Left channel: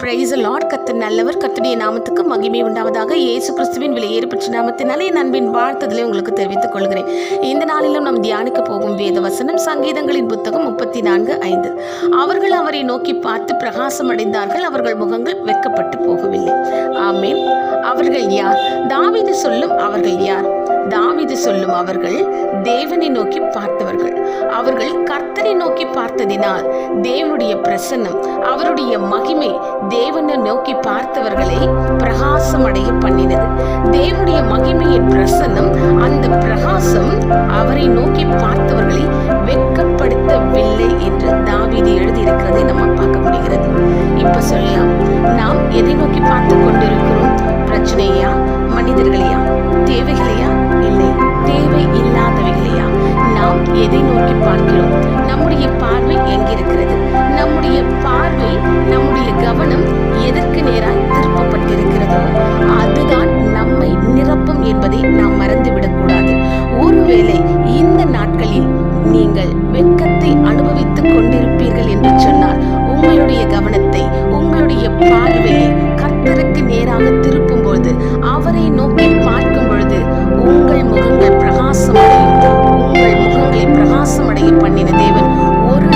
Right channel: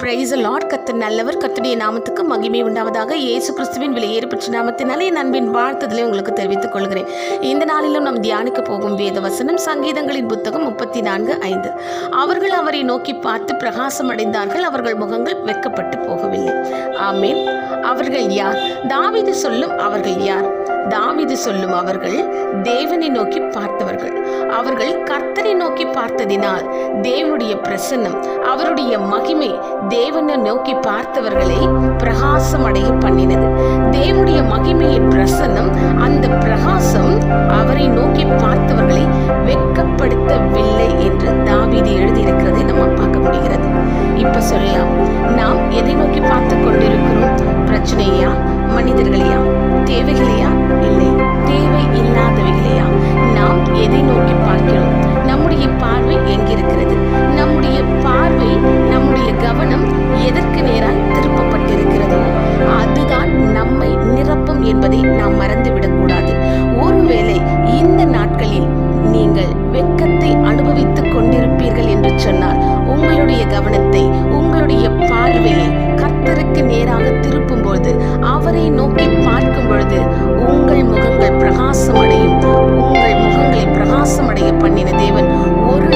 Price Lord கத்து நல்லவர். கத்துடைய நாமத்துக்கு மகிமை உண்டாவதாக. இயேசு கிறிஸ்துவின் விலையேறுபற்ற நாமத்தினாலே என் அன்பின் வாழ்த்துதலை உங்களுக்கு தெரிவித்துக் கொள்கிறேன். இந்த நாளிலும் நாம் தியானிக்க போகும் வேத வசனம் சங்கீதங்களின் புத்தகம் முப்பத்தி நான்கு ஐந்து. அவர்கள் அவரை நோக்கி பார்த்து பிரகாசம் அடைந்தார்கள். அவர்கள் முகங்கள் வெக்கப்பட்டு போகவில்லை. ஆமேன். அவர்கள் யார்? தாவிது சொல்லும் அவர்கள் யார்? தாவிது சொல்லும் அவர்கள் தேவனை நோக்கி பார்த்தவர்கள். அவர்கள் கர்த்தரை நோக்கி பார்த்ததினால் தேவனுடைய பிரசன்னம் அவருடைய மகிமை தேவனை நோக்கி பார்த்தவர்களை பிரகாசம் அடைய பண்ணினது. தேவனுடைய மகிமையின் பிரசன்னம் அந்த பிரகாசம் அவரை நோக்கி பார்த்தவர்களை வெட்கப்படுத்தவில்லை என்று தான் வேண்டாம் நாம் எதை நோக்கி பார்த்து கொண்டிருக்கிறோம்? பிரச்சனையா? மனிதர்களையா? தேவைகளையா? இல்லை. தேவை இல்லாதவைகளையா? நாம் எதை நோக்கி பார்க்கிறோம்? நம்முடைய பார்வை எங்கிருக்கிறது? நம்முடைய பார்வை நம்முடைய கவனம் எதற்கு நேராய் திருப்பப்பட்டிருக்கிறதோ அதுதான் நம்மை நிரப்பும் என்பதை நாம் மறந்துவிடக்கூடாது ஒருவேளை இந்த நாட்களில் நீங்கள் வெட்கத்தை அனுபவித்துக் கொண்டிருப்பீர்கள் என்று சொன்னால் உங்களுடைய கவனத்தை உங்களுடைய பார்வையை கர்த்தருக்கு நேராக திருப்பும் பொழுது அவரை நோக்கி பார்க்கும் பொழுது உங்கள் முகங்கள் பிரகாசம் அடையும் உங்கள் முகங்களை பிரகாசம் அடைய பண்ணின தேவன் ஒரு